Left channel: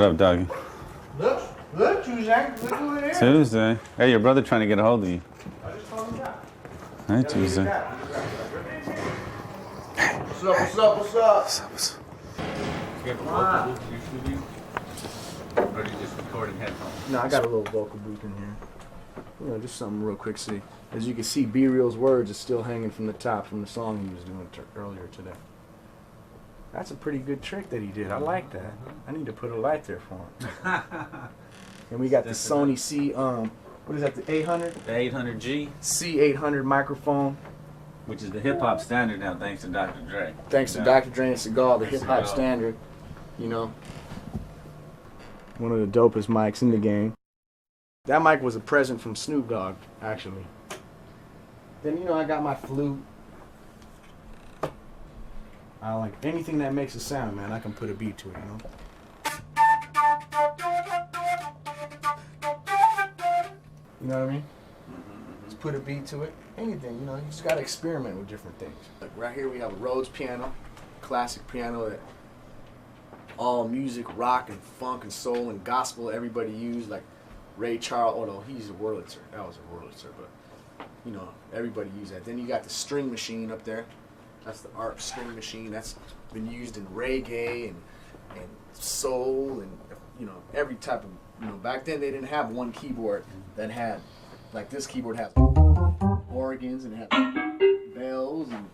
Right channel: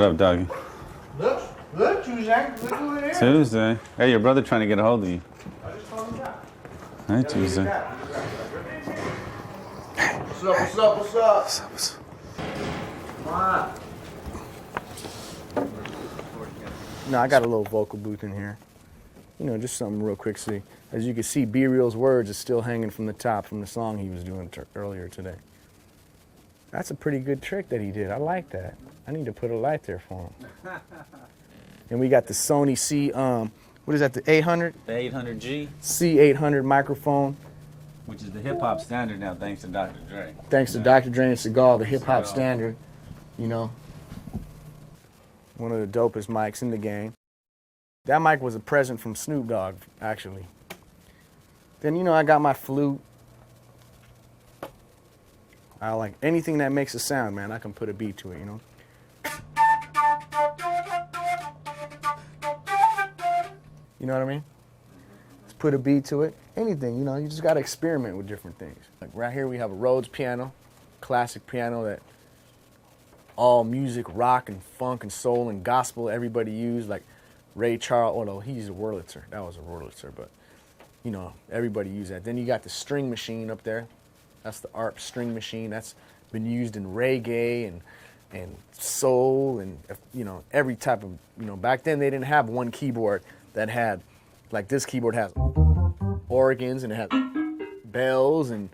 What up, doggy? Look, Tuesday. Look who it is. Tuesday. Hey, your brother trying to get a hold of you. I just told him that. Hi, Tuesday. What's up, what's up, what's up? What's up, what's up? Come on. No, I got a little vocal booth in here. You know, just something real quick. See, as you can see, B Real's words is still hanging from the top from the song he was doing earlier today. That's a pretty good trick that he did. I like that. I need to put a light there for him. And we got the Sony C, what is that, the 800? The 800G. C800 microphone. Which is the hip hop standard now, thanks to Dr. Dre. Thanks to Dr. Dre and Seagal, the hip hop standard. You know, one of the dopest mics in the game. That mic was a present from Snoop Dogg, actually. Then, you know, I got my flute. I like anything that makes a sound, man. I can put a beat to it, you know. You know what I mean? Let's put a beat to it. Anything, you know, you just gotta experiment with different things. Like right here we have a Rhodes piano, classic piano that all music, rock and funk and soul and gospel, everybody used. Like Ray Charles, oh no, he used a Wurlitzer. That was a Wurlitzer, but you know, everybody used that. Then you got the string machine up there. That's the ARP string machine. That's been used in reggae and soul and, you know, every type of, you know, back then they didn't have one keyboard that had, like this keyboard has organs and it has bells and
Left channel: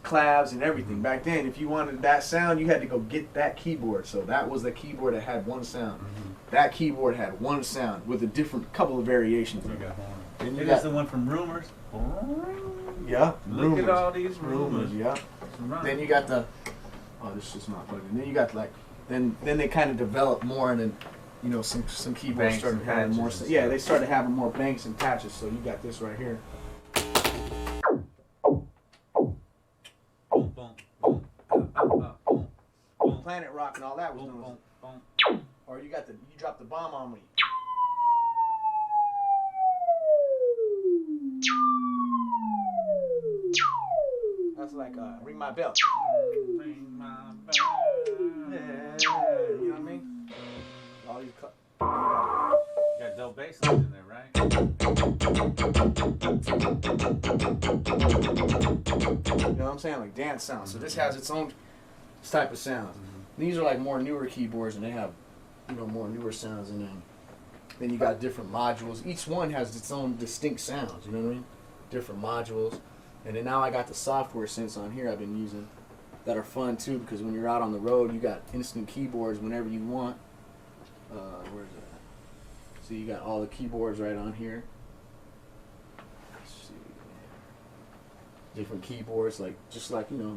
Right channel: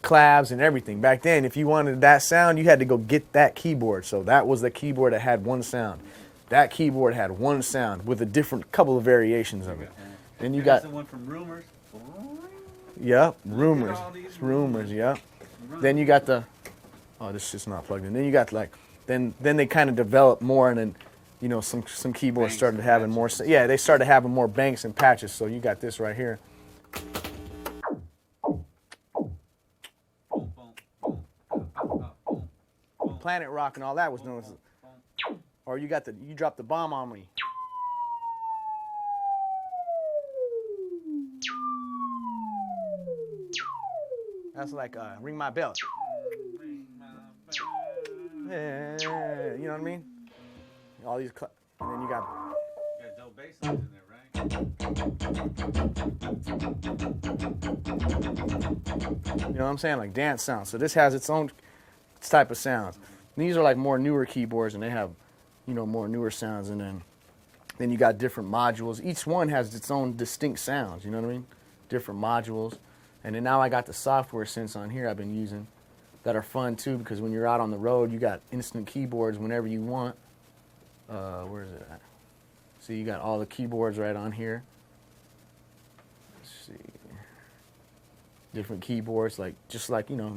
claves and everything. Back then, if you wanted that sound, you had to go get that keyboard. So that was the keyboard that had one sound. That keyboard had one sound with a different couple of variations of it. And you got the one from Rumors. yeah, Look at all these rumors, yeah. Then you got the, oh, this shit's not plugged in. Then you got like, then they kind of developed more, and then, you know, some keyboards Banks started and having more. patches. Yeah, they started having more banks and patches. So you got this right here. Planet Rock and all that was known as, or you got the, you dropped the bomb on me. That's like Ring My Bell. Yeah, you know what I mean? All these, and then You got dope bass lines in there, right? you know what I'm saying? Like dance sounds. So this has its own type of sounds. These are like more newer keyboards, and they have, you know, more newer sounds. And then you got different modules. Each one has its own distinct sounds. You know what I mean? Different modules. And then now I got the software synths on here I've been using that are fun too, because when you're out on the road, you got instant keyboards whenever you want. Where is it at? See, you got all the keyboards right on here. Let's see. Different keyboards, like just like, you know,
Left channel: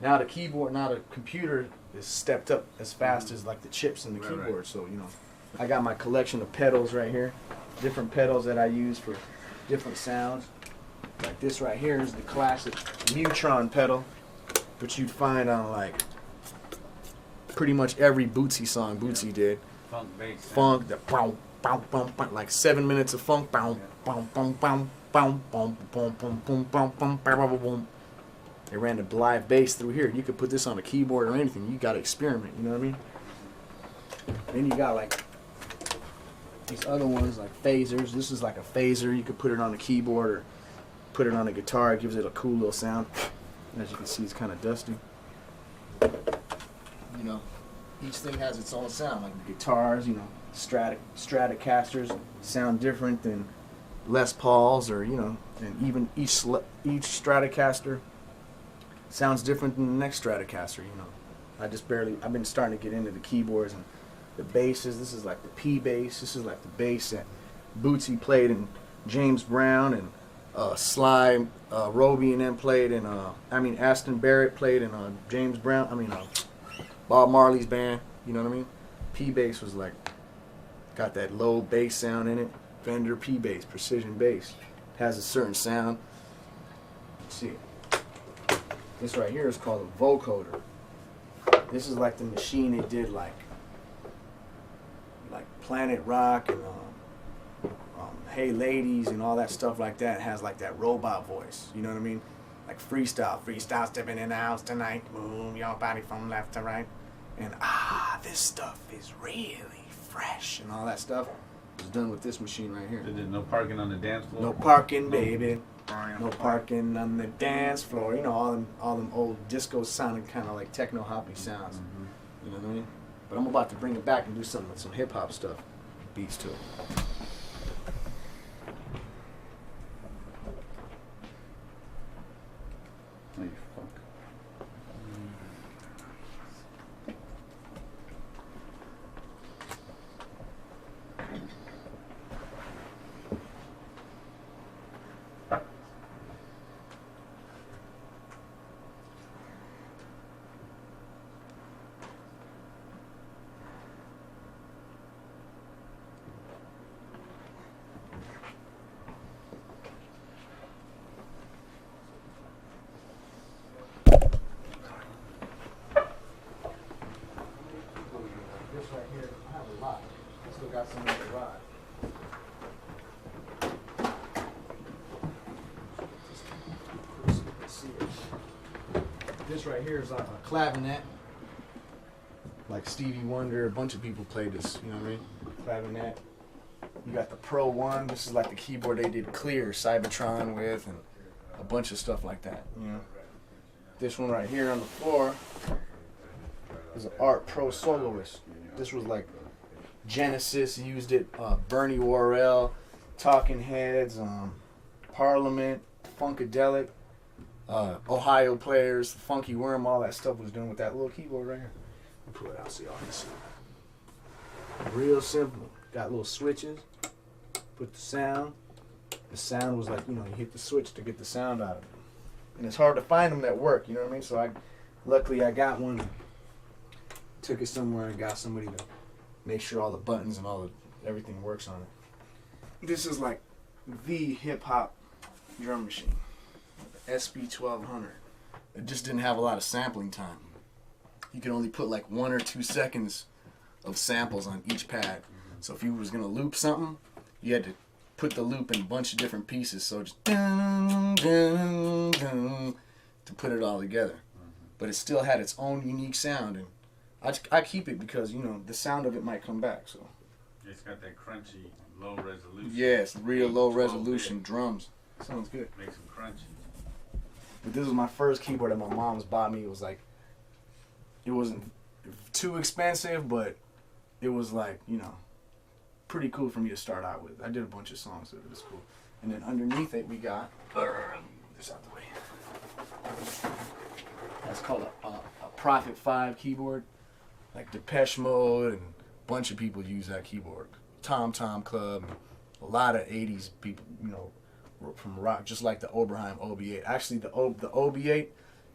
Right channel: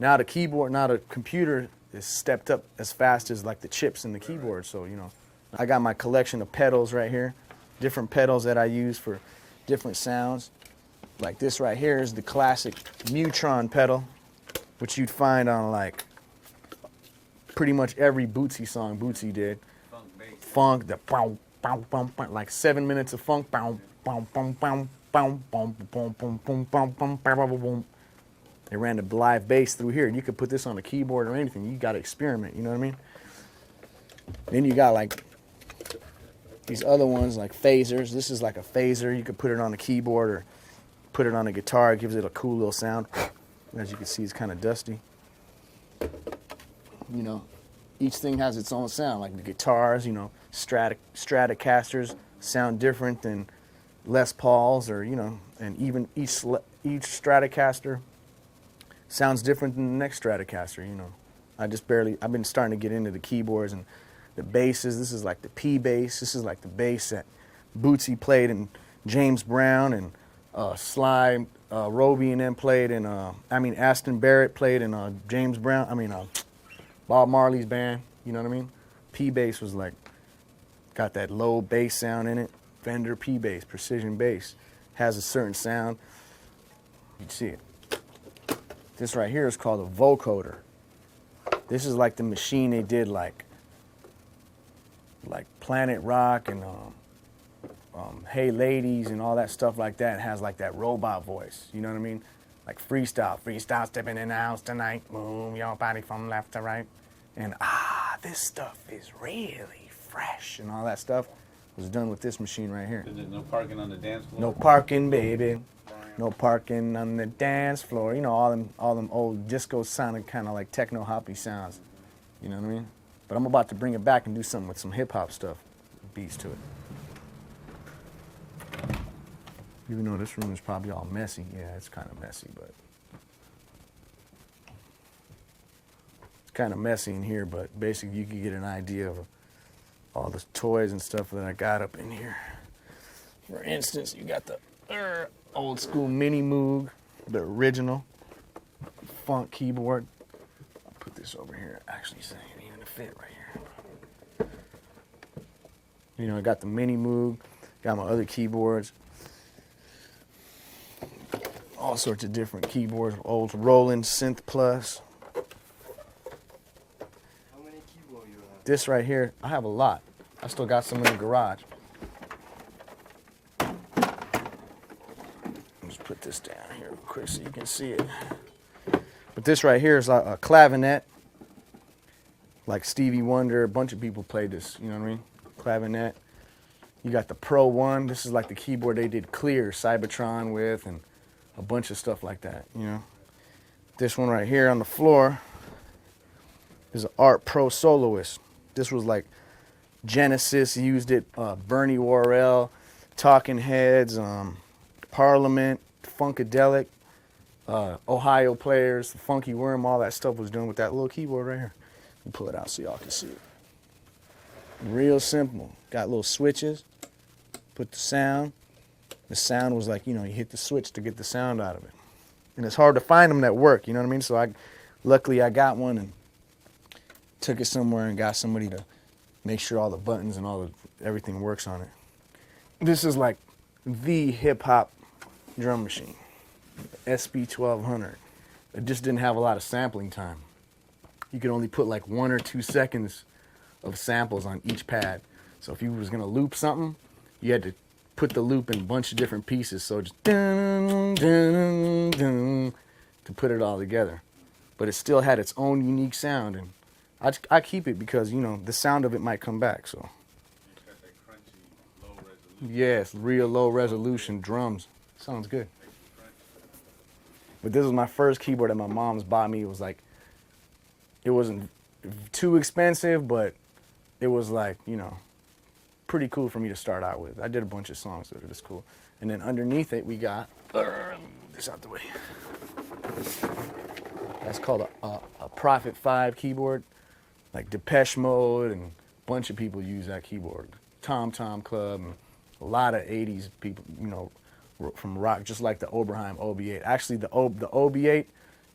now the keyboard, now the computer is stepped up as fast as like the chips in the keyboard. So, you know, I got my collection of pedals right here, different pedals that I use for different sounds. Like this right here is the classic Neutron pedal, which you'd find on like pretty much every Bootsy song Bootsy did. Funk bass. Funk, the boom, boom, boom, boom, like 7 minutes of funk, boom, boom, boom, boom, boom, boom, boom, boom, boom, boom, boom, boom, boom. They ran the live bass through here. You could put this on a keyboard or anything. You got to experiment. You know what I mean? Then you got like these other ones like phasers. This is like a phaser. You could put it on a keyboard or put it on a guitar. It gives it a cool little sound. As you can see, it's kind of dusty. You know, each thing has its own sound. Like the guitars, you know, Stratocasters sound different than Les Pauls, or, you know, and even each Stratocaster sounds different than the next Stratocaster. You know, I've been starting to get into the keyboards and the basses. This is like the P bass. This is like the bass that Bootsy played in James Brown, and Sly, Roby and them played in, Aston Barrett played in James Brown, Bob Marley's band, you know what I mean? P bass was like, got that low bass sound in it. Fender P bass, precision bass, has a certain sound. You see it. This right here is called a vocoder. This is like the machine they did like Planet Rock and Hey Ladies and all that stuff like that. It has like that robot voice, you know what I mean? Like freestyle stepping in the house tonight, move your body from left to right, and this stuff is really fresh and all that stuff was done with this machine right here. There's no parking on the dance floor? No parking, baby. No parking on the dance floor. You know, all them old disco sounding kind of like techno hoppy sounds. Mm-hmm. You know what I mean? But I'm about to bring it back and do something with some hip hop stuff. Beats to it. Even though this room is probably all messy. Yeah, it's kind of messy, but it's kind of messy in here, but basically you can get an idea of all the toys and stuff that I got up in here. For instance, you got the old school Mini Moog, the original funk keyboard. Put this over here. Actually, it's not even gonna fit right here. You know, I got the Mini Moog, got my other keyboards, all sorts of different keyboards, old Roland Synth Plus. This right here, I have a lot. I still got some in the garage. Just put this down here real quick so you can see it. But this right here is a clavinet. Like Stevie Wonder, a bunch of people played this, you know what I mean? Clavinet. You got the Pro 1. This is like the keyboard they did Clear Cybertron with, and a bunch of stuff like that, you know. This one right here on the floor is an Art Pro Soloist. This was like Genesis used it, Bernie Worrell, Talking Heads, Parliament, Funkadelic, Ohio Players, the Funky Worm, all that stuff was done with that little keyboard right here. Let me pull it out so y'all can see it. Real simple. Got little switches. Put the sound. The sound was like, you know, you hit the switch to get the sound out of it. And it's hard to find them that work, you know what I mean? So luckily I got one and took it somewhere and got somebody to make sure all the buttons and everything works on it. This is like the hip hop drum machine, SB 1200. It just didn't have a lot of sampling time. You could only put like 1 or 2 seconds of samples on each pad. So if you was gonna loop something, you had to put the loop in a bunch of different pieces. So just dun, dun, dun, to put it all together. But it still had its own unique sound, and I keep it because, you know, the sound of it might come back. So it's got that crunchy, low resolution. yes, real low resolution drums. Sounds good. Makes them crunchy. But this was my first keyboard that my mom's bought me. It was like, it wasn't too expensive, but it was like, you know, pretty cool for me to start out with. I did a bunch of songs with it. It's cool. And then underneath it, we got this out the way. That's called a Prophet 5 keyboard. Like Depeche Mode and a bunch of people use that keyboard. Tom Tom Club and a lot of 80s people, you know, from rock, just like the Oberheim OB8. Actually, the OB8,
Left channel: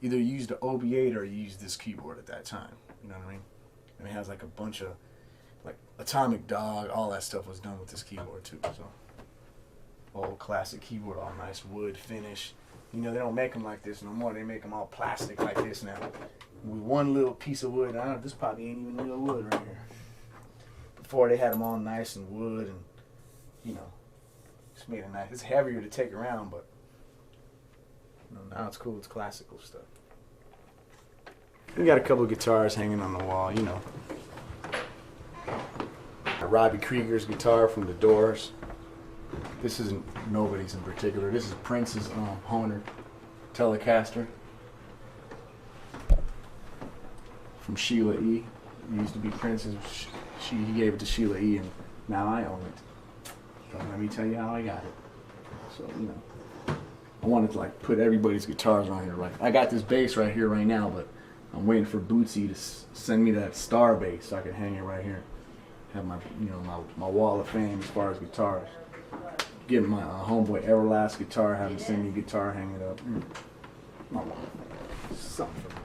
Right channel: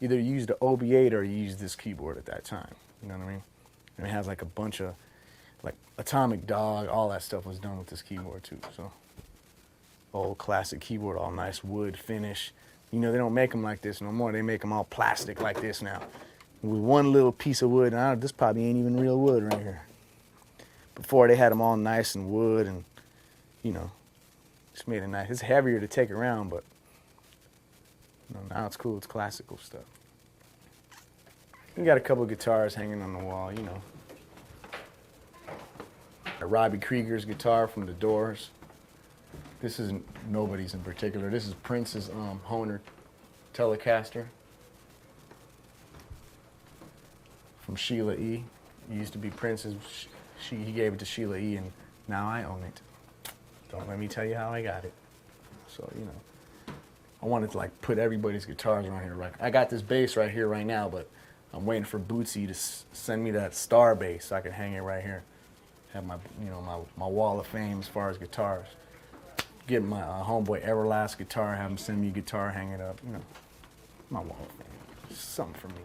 either you used the OB8 or you used this keyboard at that time. You know what I mean? And it has like a bunch of, like Atomic Dog, all that stuff was done with this keyboard too. So, old classic keyboard, all nice wood finish. You know, they don't make them like this no more. They make them all plastic like this now. With one little piece of wood, and this probably ain't even real wood right here. Before they had them all nice and wood, and you know, just made it nice. It's heavier to take around, but you know, now it's cool. It's classical stuff. We got a couple of guitars hanging on the wall, you know. A Robbie Krieger's guitar from the Doors. This isn't nobody's in particular. This is Prince's Hohner Telecaster from Sheila E. It used to be Prince's. He gave it to Sheila E. and now I own it. Don't let me tell you how I got it. So, you know, I wanted to like put everybody's guitars on here. Like I got this bass right here right now, but I'm waiting for Bootsy to send me that star bass so I can hang it right here. Have my, you know, my wall of fame as far as guitars. Get my homeboy Everlast guitar, have him send me a guitar, hang it up. My wall of fame. Something for me.